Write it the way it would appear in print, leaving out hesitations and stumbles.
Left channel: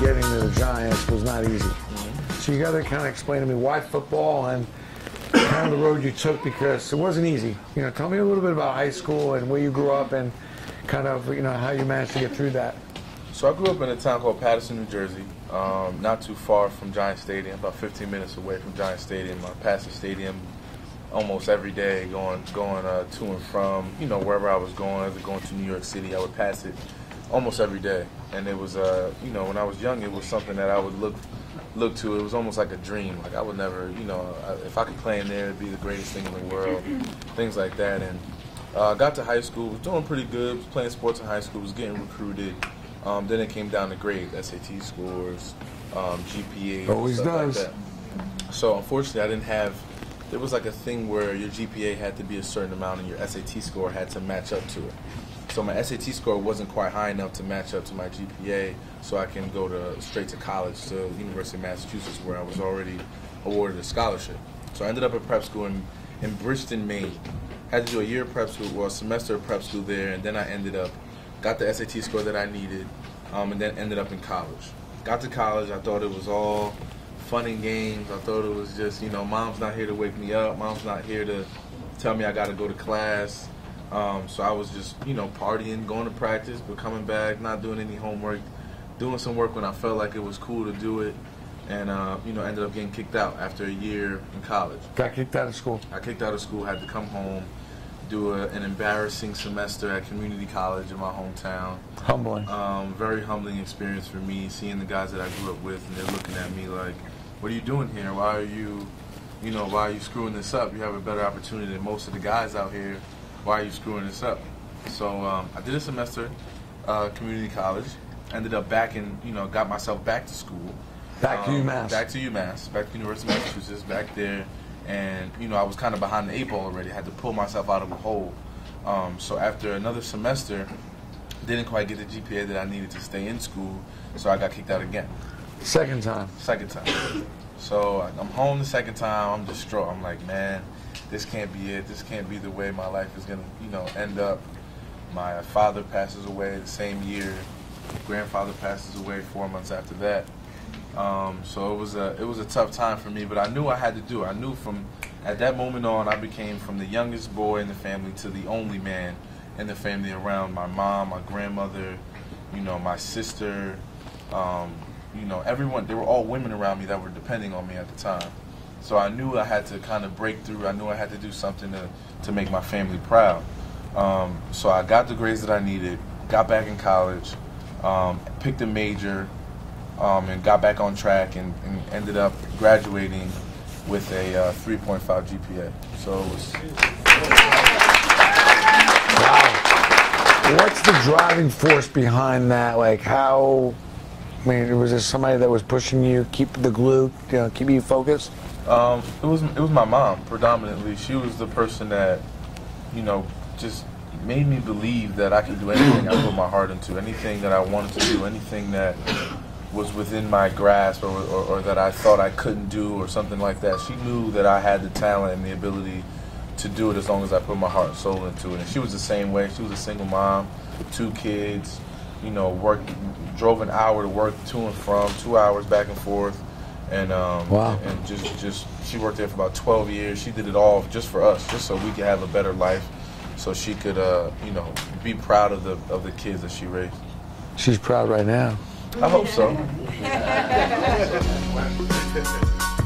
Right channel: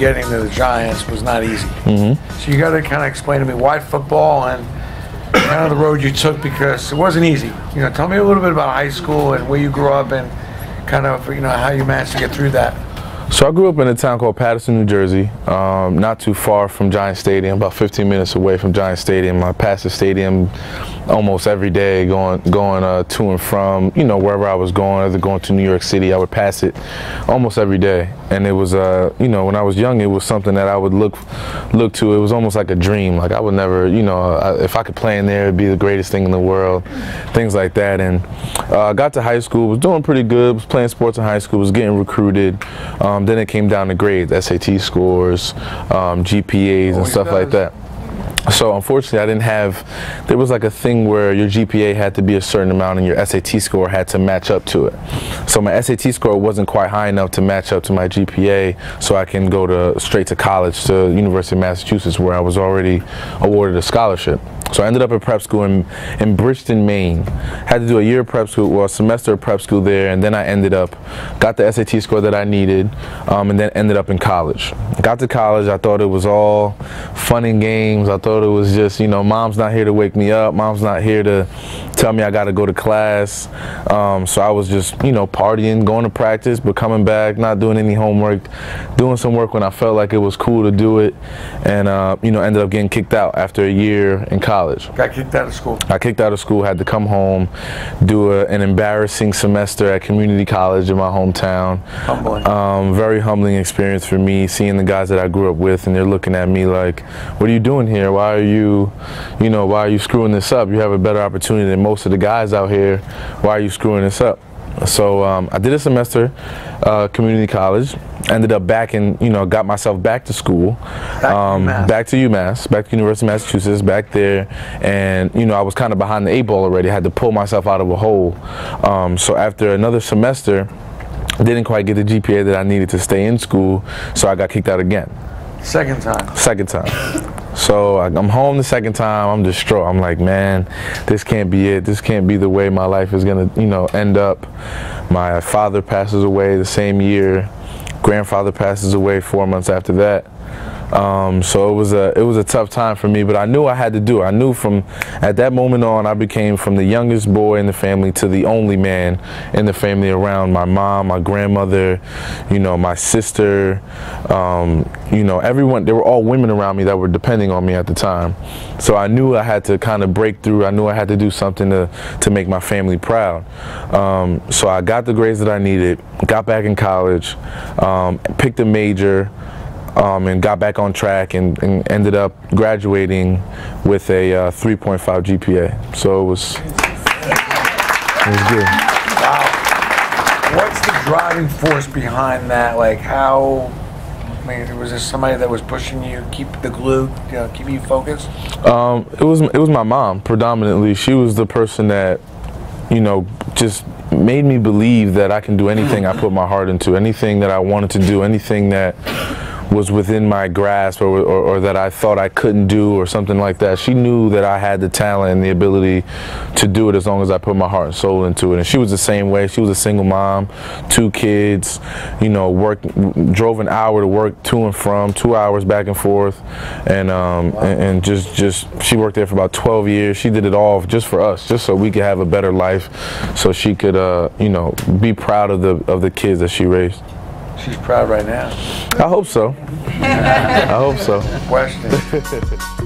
getting to the Giants was not easy. So you got to kind of explain to me why football and kind of the road you took, because it wasn't easy. You know, tell me a little bit about high school and where you grew up and kind of, you know, how you managed to get through that. So I grew up in a town called Paterson, New Jersey, not too far from Giant Stadium, about 15 minutes away from Giant Stadium. I passed the stadium almost every day, going to and from, you know, wherever I was going, either going to New York City. I would pass it almost every day, and it was, you know, when I was young, it was something that I would look to. It was almost like a dream. Like I would never, you know, if I could play in there, it'd be the greatest thing in the world, things like that. And got to high school, was doing pretty good, was playing sports in high school, was getting recruited. Then it came down to grades, SAT scores, GPAs, and stuff like that. So unfortunately, I didn't have, there was like a thing where your GPA had to be a certain amount and your SAT score had to match up to it. So my SAT score wasn't quite high enough to match up to my GPA, so I can go straight to college, to University of Massachusetts, where I was already awarded a scholarship. So I ended up at prep school in Bridgeton, Maine. Had to do a year of prep school, well, a semester of prep school there, and then I got the SAT score that I needed, and then ended up in college. Got to college, I thought it was all fun and games. I thought it was just, you know, mom's not here to wake me up, mom's not here to tell me I got to go to class. So I was just, you know, partying, going to practice, but coming back, not doing any homework, doing some work when I felt like it was cool to do it, and you know, ended up getting kicked out after a year in college. Got kicked out of school? I kicked out of school, had to come home, do an embarrassing semester at community college in my hometown. Humbling. Very humbling experience for me, seeing the guys that I grew up with, and they're looking at me like, what are you doing here? Why are you screwing this up? You have a better opportunity than most of the guys out here. Why are you screwing this up? So I did a semester community college, ended up back in, you know, got myself back to school, back to UMass, back to University of Massachusetts, back there, and, you know, I was kind of behind the 8 ball already. I had to pull myself out of a hole. So after another semester, I didn't quite get the GPA that I needed to stay in school, so I got kicked out again. Second time? Second time. So I'm home the second time, I'm distraught. I'm like, man, this can't be it. This can't be the way my life is gonna, you know, end up. My father passes away the same year. Grandfather passes away 4 months after that. So it was a tough time for me, but I knew I had to do it. I knew from at that moment on, I became from the youngest boy in the family to the only man in the family around my mom, my grandmother, you know, my sister, you know, everyone. They were all women around me that were depending on me at the time. So I knew I had to kind of break through. I knew I had to do something to make my family proud. So I got the grades that I needed, got back in college, picked a major, and got back on track and ended up graduating with a 3.5 GPA. So it was good. Wow. What's the driving force behind that? Like how, I mean, was there somebody that was pushing you, keep the glue, you know, keep you focused? It was my mom predominantly. She was the person that, you know, just made me believe that I can do anything I put my heart into, anything that I wanted to do, anything that was within my grasp or that I thought I couldn't do or something like that. She knew that I had the talent and the ability to do it as long as I put my heart and soul into it. And she was the same way. She was a single mom, 2 kids, you know, drove an hour to work to and from, 2 hours back and forth, and wow. and just she worked there for about 12 years. She did it all just for us, just so we could have a better life, so she could you know, be proud of the kids that she raised. She's proud right now. I hope so. I hope so. Question.